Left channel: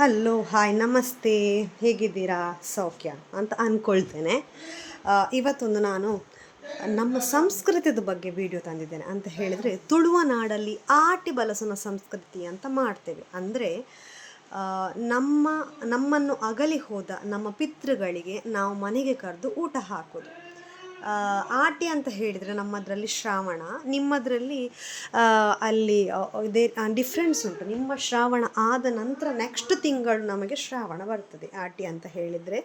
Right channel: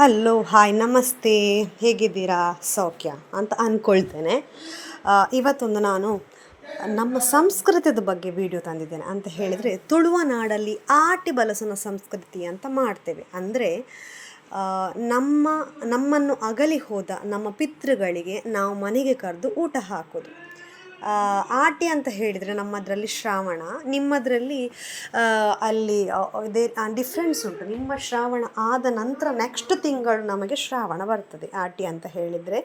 Hello hi ನಮಸ್ತೆ, ಹೇಗಿದ್ದೀರಾ? ಸೌಖ್ಯ ಅಂತ ಅಂದ್ಕೊಳ್ತೇನೆ. ಇವತ್ತೊಂದು ನಾನು ನಮ್ಮ ಸಂಸ್ಕೃತದ ಬಗ್ಗೆ ವಿಡಿಯೋ ತಂದಿದ್ದೇನೆ. ಅಂತ ಹೇಳಿದರೆ, ತುಳುವ ನಾಡಲ್ಲಿ ಆಟಿ ಬಲಸುನ ಸಂಸ್ಕೃತಿ ಅಂತ ಮಾಡ್ತೇವೆ. ಅಂದರೆ ನಮ್ಮನ್ನು ಅಗಲಿ ಹೋದ ನಮ್ಮ ಪಿತೃಗಳಿಗೆ ನಾವು ಮನೆಗೆ ಕರೆದು ಊಟ ಹಾಕೋದು. ಆಟಿ ಅಂತ ಹೇಳಿದರೆ ನಮ್ಮದರಲ್ಲಿ ಶ್ರಾವಣ, ನಿಮ್ಮದರಲ್ಲಿ ಅಲ್ಲಿ ಇದೇ ಡಿಫ್ರೆನ್ಸ್ ಉಂಟು. ನಿಮ್ಮ ಶ್ರಾವಣ ಆದ ನಂತರ ನೆಕ್ಸ್ಟ್ ತಿಂಗಳು ನಮಗೆ ಶ್ರಾವಣ ಬರ್ತದೆ. ಆಟಿ ಅಂತ ಹೇಳಿದರೆ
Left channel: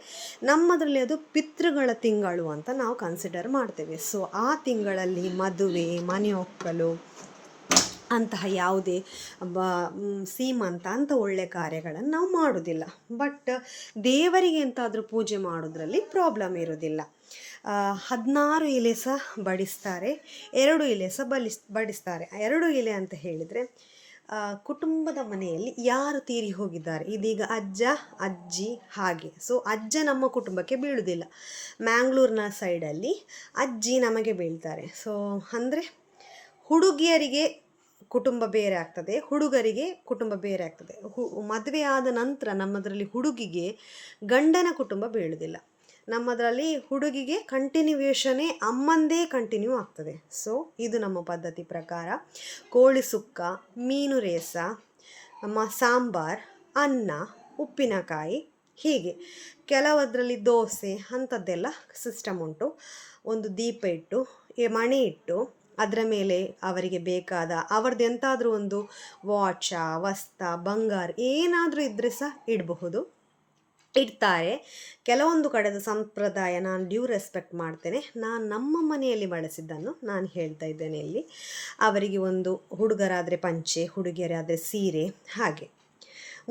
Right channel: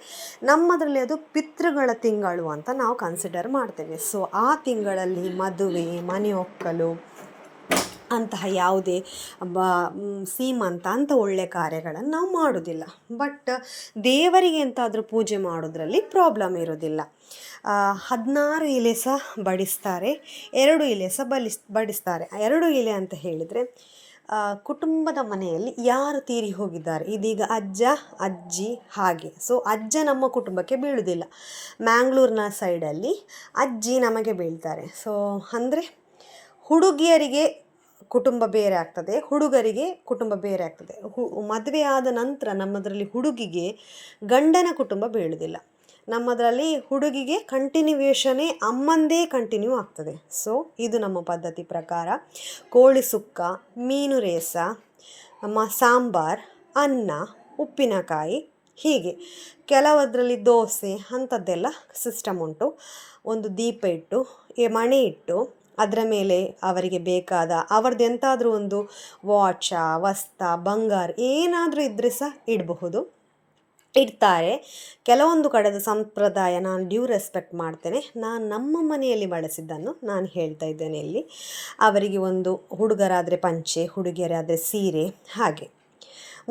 ನಮ್ಮದರಲ್ಲಿ ಅದು ಪಿತೃಗಳ ತಿಂಗಳು ಅಂತ ನಾವು ಕನ್ಸಿಡರ್ ಮಾಡ್ತೇವೆ. ಸೊ ಆ ತಿಂಗಳಲ್ಲಿ ಮದುವೆ, ಮನೆ ಒಕ್ಕಲು ಅಂತಹ ಯಾವುದೇ ಸೀಮಂತ ಅಂತ ಒಳ್ಳೆ ಕಾರ್ಯಗಳನ್ನು ನಾವು ಮಾಡೋದಿಲ್ಲ. ಬಟ್ ದೇವರಿಗೆ ಎಂತಾದರೂ ಪೂಜೆ ಮಾಡೋದ್ರಲ್ಲಿ ಪ್ರಾಬ್ಲಮ್ ಇರೋದಿಲ್ಲ. 16 ಎಲೆ ಸಹ ಬಡಿಸ್ತಾರೆ, 2 ಎಲೆ ಸಹ ಬಡಿಸ್ತಾರೆ. 2 ಎಲೆ ಅಂತ ಹೇಳಿದರೆ ಕುಟುಂಬದ ಮನೆಯಲ್ಲಿ ಯಾರು ತೀರಿ ಹೋಗಿದ್ದಾರೆ, ಇದೀಗ ಅಜ್ಜ ಅಜ್ಜಿ ಹಾಗೆ. ಸೊ ಅಜ್ಜ ನಮ್ಮ ಕುಟುಂಬಕ್ಕೆ ಬೀಳುವುದಿಲ್ಲ, ಮ್ಯಾಂಗ್ಳೂರಿನ ಸೈಡಲ್ಲಿ ಅಜ್ಜಿ ನಮಗೆ ಬೀಳ್ತಾರೆ. ಸೊ ಅಂದರೆ ಹುಡುಗಿಯರಿಗೆ ಕುಟುಂಬ ಬೇರೆ ಆಗ್ತದೆ, ಹುಡುಗರಿಗೆ ಕುಟುಂಬ ಬೇರೆ ಆಗ್ತದೆ. ಮದುವೆ ಆದ ನಂತರ ನಮ್ಮದರಲ್ಲಿ ಹುಡುಗಿಗೆ ಗಂಡನ ಕುಟುಂಬ ಬೀಳುವುದಿಲ್ಲ. ನಮ್ಮದರಲ್ಲಿ ಹುಡುಗಿಗೆ ಕಂಟಿನ್ಯೂವೇಷನೇ ಅಮ್ಮಂದೇ ಕಂಟಿನ್ಯೂ ಆಗ್ತದೆ. ಸೊ ಇದು ನಮ್ಮ ಪದ್ಧತಿ ಪ್ರಕಾರ. ಕೋಳಿ ಸುಕ್ಕ, ಮೀನು ರೇಸ, ಸಾಂಬಾರ್, ಅನ್ನ, ಉಪ್ಪಿನಕಾಯಿ, ಹೀಗೆ ಕೆಲವದರಲ್ಲಿ ದೋಸೆ ಅಂಥದ್ದೆಲ್ಲ ಸಿಸ್ಟಮ್ ಉಂಟು. ಒಂದು ದೀಪ ಇಟ್ಟು, ಮಣೆ ಇಟ್ಟು, ಅದರ ಮೇಲೆ ಅವರಿಗೆ ಬೇಕಾದ ಅವರದ್ದು ಎಂತಾದರೂ ಒಂದು ವಾಚ, ವಸ್ತ, ಬಂಗಾರ ಏನಾದರೂ ಇದ್ದರೆ ಸಹ ಇಡ್ತಾರೆ. ಕೆಲವೊಂದು ಕಡೆದ ಸಂಪ್ರದಾಯ ನಾನು ಡ್ಯೂ ರೆಸ್ಪೆಕ್ಟ್ ಮಾಡ್ತೇನೆ. ನಾನು ನಮ್ಮ ಮನೆಯಲ್ಲಿ ಬಳಸಿದ್ದನ್ನು ನಾನು ಹೇಳ್ತಾ ಇದ್ದೇನೆ ಇಲ್ಲಿ. ಅವರಿಗೆ ಒಂದು ಹುಡುಗರಾದರೆ ಪಂಚೆ, ಹುಡುಗಿಯರಾದರೆ ಸೀರೆ, ಹಾಗೆ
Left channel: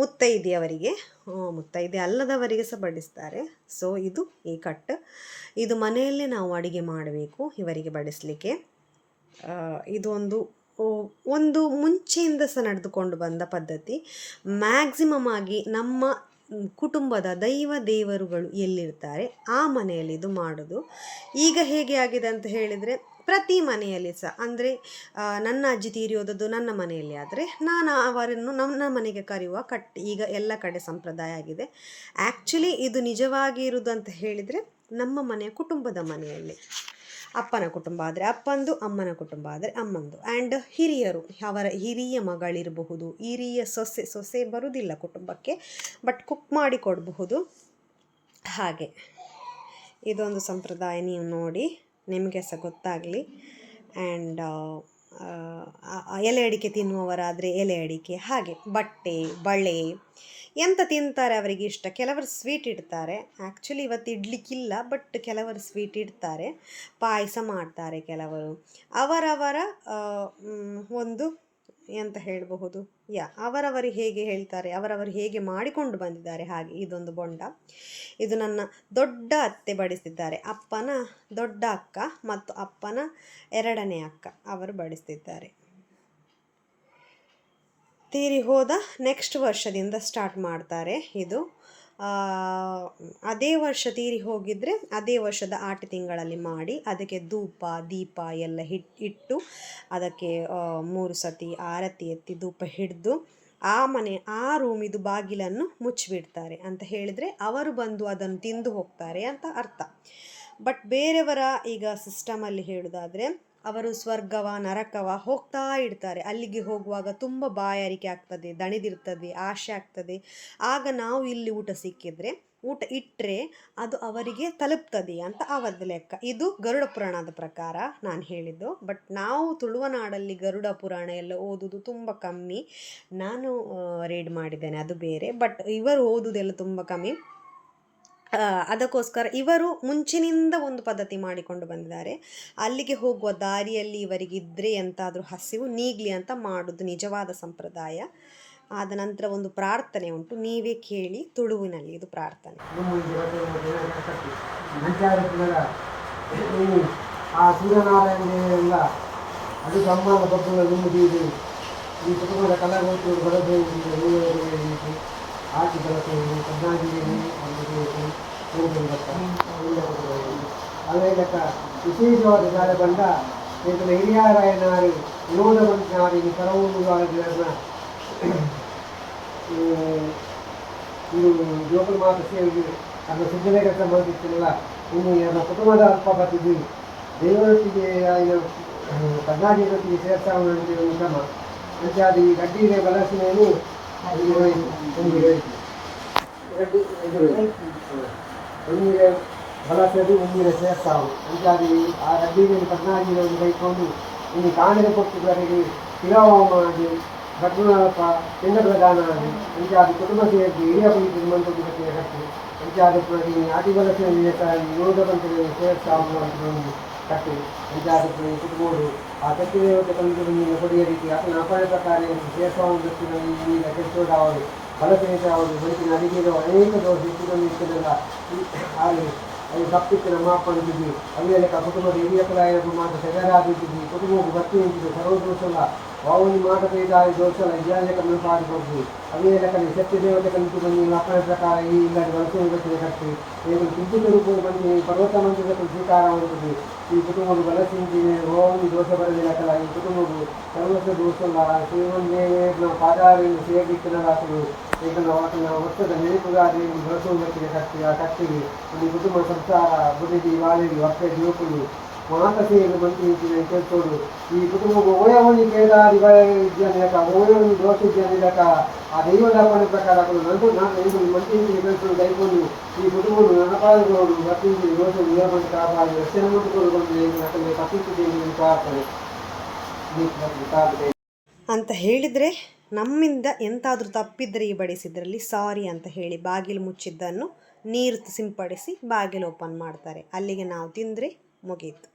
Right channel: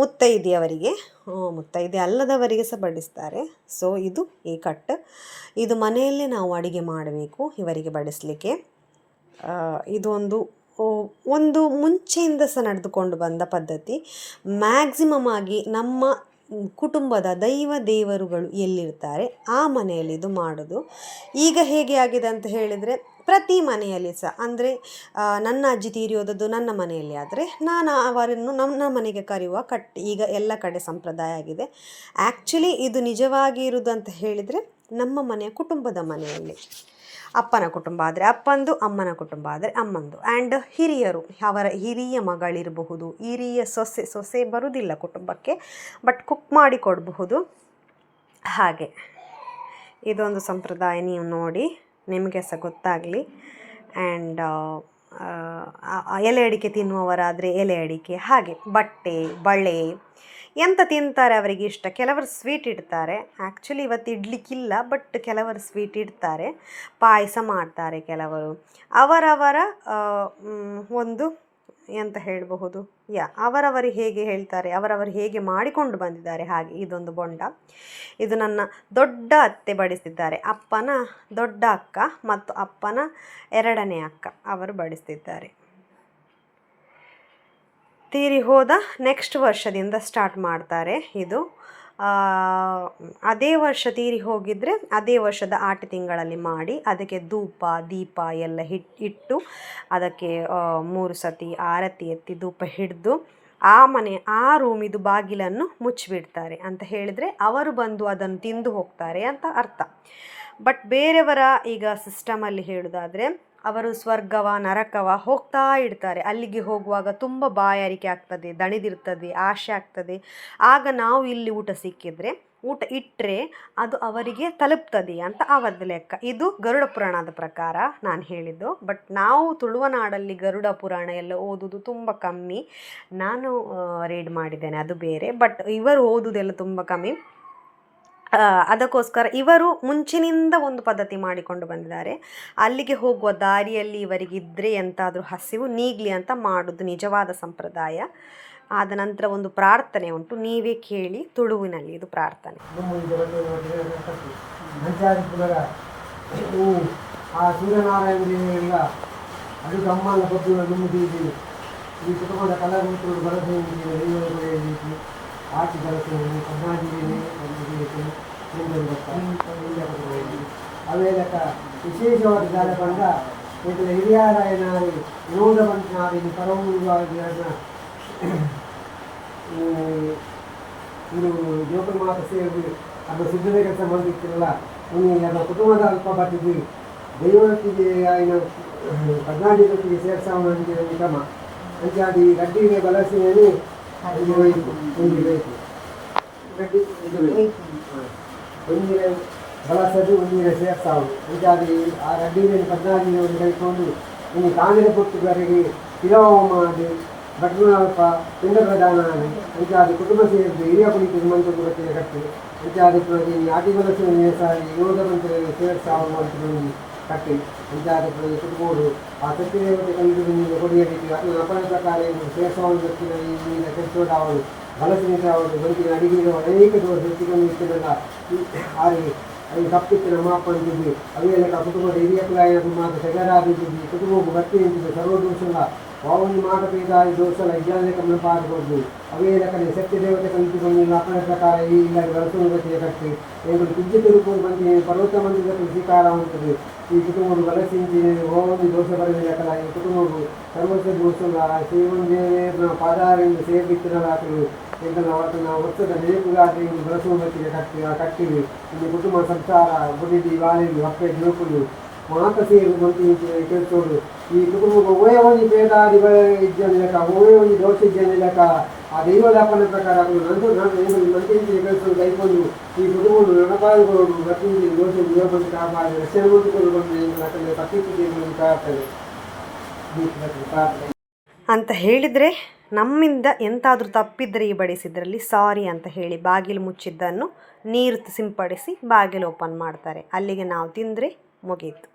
ಮುತ್ತೈದೆಯವರಿಗೆ, ಮುತ್ತೈದೆ ಅಲ್ಲದವರಿಗೆ ಸಹ ಬಡಿಸ್ತಾರೆ. ಸೊ ಇದು ಈ ಕಟ್. ಇದು ಮನೆಯಲ್ಲೇ ನಾವು ಅಡುಗೆ ಮಾಡಬೇಕು ಇವರಿಗೆ ಬಡಿಸಲಿಕ್ಕೆ. ಇದು ಒಂದು ಮುಂಚೆಯಿಂದ ಸಹ ನಡೆದುಕೊಂಡು ಬಂದ ಪದ್ಧತಿ. ಮ್ಯಾಕ್ಸಿಮಮ್ ಆಗಿ ನಮ್ಮ ಕುಟುಂಬದ ದೇವರುಗಳು ಎಲ್ಲಿರ್ತಾರೆ ಆ ಮನೆಯಲ್ಲಿ ಇದು ಮಾಡೋದು. ಈಗ ಹೇಗೆ ಆಗಿದೆ ಅಂತ ಹೇಳಿದರೆ, ಪ್ರತಿ ಮನೆಯಲ್ಲಿ ಸಹ, ಅಂದರೆ ನನ್ನ ಅಜ್ಜಿ ತೀರಿ ಹೋದದ್ದು ನನ್ನ ಮನೆಯಲ್ಲಿ ಆದರೆ ನಾನು ಅವರನ್ನು ನನ್ನ ಮನೆಗೆ ಕರೆಯುವ ಈಗ ಎಲ್ಲ ಕಡೆ ಸಂಪ್ರದಾಯ ಆಗಿದೆ. ಆ್ಯಕ್ಚುಲಿ ಇದು ನಿಜವಾಗಿ ಇರುವುದು ಅಂತ ಹೇಳಿದರೆ ನಮ್ಮ ಮನೆಯ ಕುಟುಂಬದ ಮನೆಯಲ್ಲಿ. ಅಪ್ಪನ ಕುಟುಂಬ ಆದರೆ ಅಪ್ಪಂದು, ಅಮ್ಮನ ಕುಟುಂಬ ಆದರೆ ಅಮ್ಮಂದು. ಆ್ಯಂಡ್ ಹಿರಿಯರು, ಅವರ ಹಿರಿಯ ಮಗಳಿರಬಹುದು, ಹಿರಿಯ ಸೊಸೆ ಬರುವುದಿಲ್ಲ ಕುಟುಂಬಕ್ಕೆ, ಬಟ್ ಕುಕ್ ಮಾಡಿ ಕೊಡಬಹುದು. ಹಾಗೆ ಇದೊಂದು ಸಂಪ್ರದಾಯ, ನೀವು ನೋಡಿ, ನಿಮಗೆ ಸಹ ಗೊತ್ತಾಗಲಿ. ಆ್ಯಂಡ್ ಎಲೆ ಅಡಿಕೆ ತಿನ್ನುವವರಾದರೆ ಎಲೆ ಅಡಿಕೆ, ಹಾಗೆ ಬಟ್ಟೆ, ಬಳೆ ಎಂತ ತಿಂತಾರೆ ಅವರಿಗೆ ಇಷ್ಟ. ಕೆಲವರು ಸ್ವೀಟ್ ಇಡ್ತಾರೆ. ಆ್ಯಕ್ಚುಲಿ ಇವತ್ತು ಇಡ್ಲಿಕ್ಕಿಲ್ಲ, ಬಟ್ ಕೆಲವರು ಸ್ವೀಟ್ ಇಡ್ತಾರೆ, ಪಾಯಸ ಮಾಡ್ತಾರೆ ಕೆಲವರು. ಅವರವರ ಒಂದು ಎಂತ ಹೇಳಬಹುದು, ಅವರವರು ಹೇಗೆ ಹೇಳ್ತಾರೆ, ಅವರವರು ಹೇಗೆ ಮಾಡಿಕೊಂಡು ಬಂದಿದ್ದಾರೆ ಹಾಗೆ. ಇದೊಂದು ಬೊಂಡ, ಇದು ನನ್ನ ದೊಡ್ಡ ಅತ್ತೆ ಬಡಿಸಿದ್ದಾರೆ. ಅಪ್ಪನ ದೊಡ್ಡ ಅಕ್ಕ ಮತ್ತು ಅಪ್ಪನ 2ನೇ ಅಕ್ಕ ಅವರು ಬಡಿಸ್ತಿದ್ದಾರೆ. ತೀರಿ ಹೋದ ನೆಕ್ಸ್ಟ್ ವರ್ಷದಿಂದ ಸ್ಟಾರ್ಟ್ ಮಾಡ್ತಾರೆ ಇದು. ಅದೇ ವರ್ಷ ತೀರಿ ಹೋಗಿದ್ರೆ ಅದೇ ವರ್ಷದ ಆಟಿ ತಿಂಗಳಲ್ಲಿ ಮಾಡಿ ಅದಕ್ಕೆ ಧೂಪ ದೀಪ ಎಲ್ಲ ಇಟ್ಟು ಅದಕ್ಕೆ 3 ಸತಿ ಆರತಿ ಎತ್ತಿ ಧೂಪ ಹಿಡಿದು ಆ ರೂಮಿದು ಬಾಗಿಲನ್ನು ಮುಚ್ಚಿಬಿಡ್ತಾರೆ. ಅಂತ ಹೇಳಿದರೆ ಅವರು ಬಂದು ಅದನ್ನು ತಿಂದು ಹೋಗ್ತಾರೆ ಅಂತ ಅರ್ಥ. ಬಟ್ ಬೇರೆಯವರ ಈಗ ಸಿಸ್ಟಮಲ್ಲಿ ಹೇಳೋದಾದರೆ, ಅವರು ಸ್ವರ್ಗವ ನರಕವ ಹೋಗ್ತಾ ಇಡ್ತಾರೆ. ಅಲ್ಲಿಗೆ ಹೋಗುವಾಗ ತುಂಬ ಬಾಯಾರಿಕೆ ಆಗ್ತದೆ, ದಣಿದಿರ್ತದೆ, ಆಸೆ ಆಗ್ತದೆ. ಆಗ ನಾವು ಇಲ್ಲಿ ಊಟ ಸಿಕ್ಕಿದ್ರೆ, ಊಟ ಇಟ್ಟರೆ ಅದು ಅವರಿಗೆ ತಲುಪ್ತದೆ ಅಂತ ಅವರದ್ದು ಲೆಕ್ಕ. ಇದು ಗರುಡ ಪುರಾಣದ ಪ್ರಕಾರ ನಾನು ಹೇಳಿದ್ದು. ಬಟ್ ನಾವು ತುಳುವ ನಾಡಲ್ಲಿ ಗರುಡ ಪುರಾಣ ಎಲ್ಲ ಓದೋದು ತುಂಬ ಕಮ್ಮಿ. ನಾನು ರೀಡ್ ಮಾಡಿದ್ದೇನೆ, ಅದು ಬೇರೆ. ಬಟ್ ಇವರು ಓದೋದೆಲ್ಲ ತುಂಬ ಕಮ್ಮಿ. ಅದಕ್ಕೋಸ್ಕರ ಇವರು ಮುಂಚಿನಿಂದ ಒಂದು ಪದ್ಧತಿ ಮಾಡಿಕೊಂಡು ಬಂದಿದ್ದಾರೆ. ಅಲ್ಲಿಗೆ ಹೋಗುವ ದಾರಿಯಲ್ಲಿ ಇವರಿಗಿದ್ದರೆ ಎಂತಾದರೂ ಹಸಿವು ನೀಗಲಿ ಅಂತ ಮಾಡೋದು ನಿಜವಾದ ಸಂಪ್ರದಾಯ. ಆದ ನಂತರ ಒಂದು ಪ್ರಾರ್ಥನೆ ಉಂಟು, ನೀವೇ ಕೇಳಿ, ತುಳುವಿನಲ್ಲಿ ಇದು ಪ್ರಾರ್ಥನೆ. ಅವೇದಕ ವಿಶೇಷವಾದ ಜಾಲಪಂಡ ಇದರ ಹಿರಿಯರಾಯನಾಗಿ ವಿನೋದ ಮಂತ್ರಿ ಪರಮೂಲವಾದ ಇದು ಜೋಕುಲು ಮಾತ್ರ ಸೇರಿ ಅದು ಸಿದ್ಧತೆ ಕೆಲಸ ಮಾಡಿರ್ತಿಲ್ಲ ಇನ್ನು ಅದರ ಕುಟುಂಬದ ಅಲ್ಪಗತಿಗೆ ದೈವೊಟ್ಟಿಗೆ ఆయన ಕರ್ನಾಟಕಕ್ಕೆ ಸೇರ್ಸಾವಣಿಗೆ ಕ್ರಮ ಅಂಚಾದಿ ಗಡ್ಡಿಗೆ ಬಳಸಿನೇನು ಗಡ್ಡಿ ಒಂದಿಗೆ ಬಳಸದು ಒಂದಿಗೆ ಸೇರ್ಸಾವು ಅಂಚಾದಿ ಆ ಗಡ್ಡಿಗೆ ಕರ್ನಾಟಕವನ್ನು ಕೈಕೊಂಡು ಇನ್ನು ಕಾಂಗ್ರೆ ಕೊಟ್ಟಿದ್ದವರಿಗೆ ತಿಲವ ಮಾಡಿ ಭಟ್ನಾಳಪ್ಪ ಚಂದ್ರಪ್ರಧಾನ ಅಂಚಾದಿ ಕುಟುಂಬ ಸೇರಿಸಿ ಹಿರಿಯ ಪುಳಿತು ಮಂತ್ರಿ ಬಗ್ಗೆ ಕಟ್ಟಿ ಅಂಚಾದಿ ಆಟಿಬಲಸೆ ಯೋಧ ಮಂತ್ರಿ ಸೇರ್ಸಾವು ಅಂತ ಕಟ್ಟಿ ಅಂಚಾದಿ ಕುಟುಂಬರು ಆ ಕಟ್ಟಿದೇವತೆ ಕಲಿತು ಕೊಡಿಯ ರೀತಿ ಅದನ್ನು ಅಪಾಯ ಪ್ರಕಾರ ಸೇರ್ಸಾವನ್ನು ವ್ಯಕ್ತಿಗಳ ಈ ಕೆಟ್ಟವರು ಬಲಸನೇಶ ಅವರು ಬದುಕಿನ ಅಡಿಗೆಗಳು ಅನೇಕ ದೋಷ ಹೆಚ್ಚುಗಳನ್ನು ಇರ್ತದಲ್ಲ ಅದು ತಪ್ಪಿತ್ತು ನಮ್ಮ ಅಪ್ಪ ಅಂತಿದ್ವಿ ಅವೇಲೆಕ್ಕ ಕುಟುಂಬದ ಹಿರಿಯ ಕಲಾಯನ ಮಾತ್ರ ಸೆಗರಾಗಿದ್ವಿ ಕುಟುಂಬಕ್ಕೆ ಭರ್ತಿ ನಿಂತಿದ್ವಿ ಸರ್ವ ದೋಷಲ್ಲ ವಾವನಿ ಮಾಡಬೇಕಾದ ದೋಷಲ್ಲ ಇದ್ಯಾಲೆ ಕಮ್ಮಿ ಪಾಡ್ಬೋದು ಅವೇ ಲೆಕ್ಕಲ್ಲಿ ಸತ್ಯ ದೇವತೆ ಕಲಿತು ನೀನು ಅಪ್ಪನ ಪ್ರಕಾರ ಈ ಇಲ್ಲದ ಬಳಸುವುದಕ್ಕೆ ಕಟ್ಟಿ ಏನು ವಿದ್ಯುತ್ ರೂಪ ಬಂದು ಪರ್ವತ ಮಂದಿರಕ್ಕೆ ಸ್ವೀಕಾರ ಮಾಡುತ್ತದೆ ಈ ಕುಟುಂಬಗಳು ಬಳಸಿಂಚಿ ವಾವನಿ ದೋಷ ಬರದೇ ಲೆಕ್ಕಲ್ಲ ಈ ಕುಟುಂಬಗಳು ಸರ್ವಸ್ವ ದೋಷಲ್ಲ ಶ್ರೀಮಂದೇವರ ಪಾದಾರಿಂದ ಸೇರ್ಲಿಕ್ಕಿನವಾಕಲು ಇದನ್ನು ಅವತ್ತಿನ ವರ್ಷದ ನೆನಪುಗಾಗಿ ಬಳಸುವುದಕ್ಕೆ ಕಟ್ಟಿ ಆ ಕಟ್ಟಿವಿ ಇನ್ನು ಕುಟುಂಬ ಸಂಸಾರ ಬುಡಿದಿ ವಾಲಿಡಿ ಹೊಟ್ಟೆ ಜೋಕುಲು ಮಾತ ಸೇರಿ ಮಂತ್ರಿ ಕೇಳ್ತೋಡು ಈ ಕುಟುಂಬ ಓಯವನಿ ಪೇದಾರಿ ಇದ್ದೇನೆ ಓಯವನಿ ದೋಷ ಇದ್ದೇನೆ ಆ ದೈವದಾಪನ ಪ್ರಕಾರ ನಂದು ಮಂತ್ರಿ ಕೇಳ್ಕೊಂಡು ಕೈಕೊಂಡು ಈ ಕುಟುಂಬ ನನಪಾದುಕೊಂಡು ಭಕ್ತಿಯಿಂದ ದೋಷ ನಿಯಮಂತ ಕಾಪಾಡಿ ರಕ್ಷಣೆ ಮಾಡಿಕೊಂಡು ತಪ್ಪಿಸುವುದೇನು ಪ್ರಾರ್ಥನೆ ಅಂತ ಹೇಳಿದರೆ ನಮ್ಮಿಂದ ಎಂತಾದರೂ ತಪ್ಪಿದ್ರೆ ಈ ಬಡಿಸಿದ್ರಲ್ಲಿ ಸಾರಿ ಅಂತ ಹೇಳಿ ಬಾಗಿಲು ಮುಚ್ಚಿದ್ದನ್ನು ನೀರು ಸಿಂಪಡಿಸಿ ಬಾಗಿಲು ಓಪನ್ ಮಾಡ್ತಾರೆ. ಅಲ್ಲಿಗೆ ನಾವು ತಿಂದರೆ ಮುಗೀತು.